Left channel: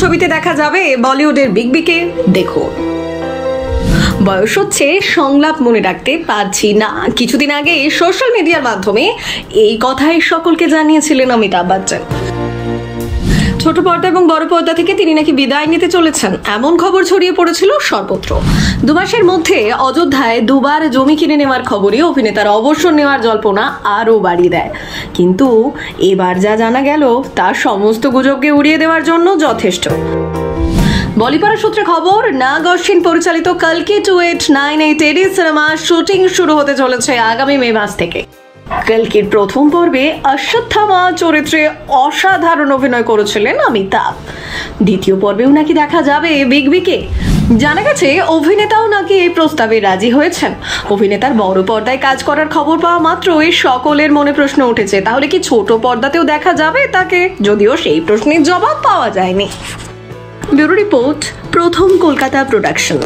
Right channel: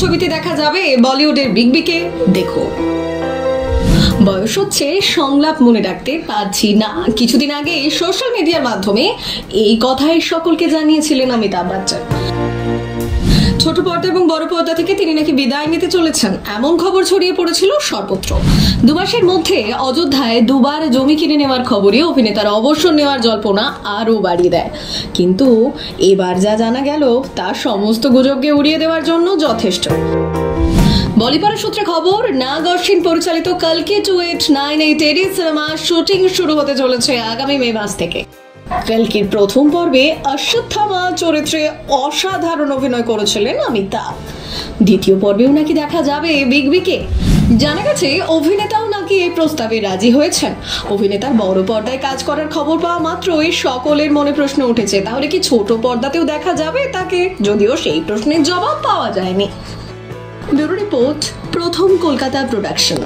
ছবিতে দেখা যাবে বলিউডের বিগ বিকে দেখুন। বয়স হচ্ছে, সংলাপ মনে রাখতে পারছি না। কিছুদিন আগে সোশ্যাল মিডিয়ার মাধ্যমে এই কথাই সকলকে জানিয়েছিলেন অমিতাভ বচ্চন। ছোট পর্দা এবং বড় পর্দা থেকে তিনি নাকি বিদায় নিতে চলেছেন, এমন খবর ছড়িয়ে পড়েছিল সর্বত্র। 2 মাসের মধ্যে অযোধ্যায় 2 বার জমি কিনে নেওয়ার খবরই অভিনেতার অবসর নেওয়ার জল্পনা আরও বাড়িয়ে দেয়। কিন্তু এবার যা জানা গেল তা সমস্ত গুজবকে উড়িয়ে দেওয়ার জন্য যথেষ্ট। বলিপাড়া সূত্রে খবর, নাগ অশ্বিন পরিচালিত কালকি 2898 সিনেমা শুটিং শুরু হতে চলেছে আগামী মে মাস থেকে। কালকির প্রথম পর্বে অশ্বত্থামা চরিত্রে অসাধারণ অভিনয় করেছিলেন অমিতাভ। দ্বিতীয় পর্বেও নাকি দেখা যাবে বিগ বিকে। জানা গেছে অভিনেতাও নাকি এই প্রস্তাবে রাজি হয়েছেন। অভিনেতার বড় পর্দায় কাজ করার খবর পাওয়া মাত্রই সকলের মনে প্রশ্ন উঠেছে, তাহলে কি ছোট পর্দাতেও দেখা যাবে তাকে? যদিও সেই প্রশ্নের জবাব পাওয়া যায়নি। ব্যুরো রিপোর্ট, প্রথম কলকাতা প্রোডাকশন।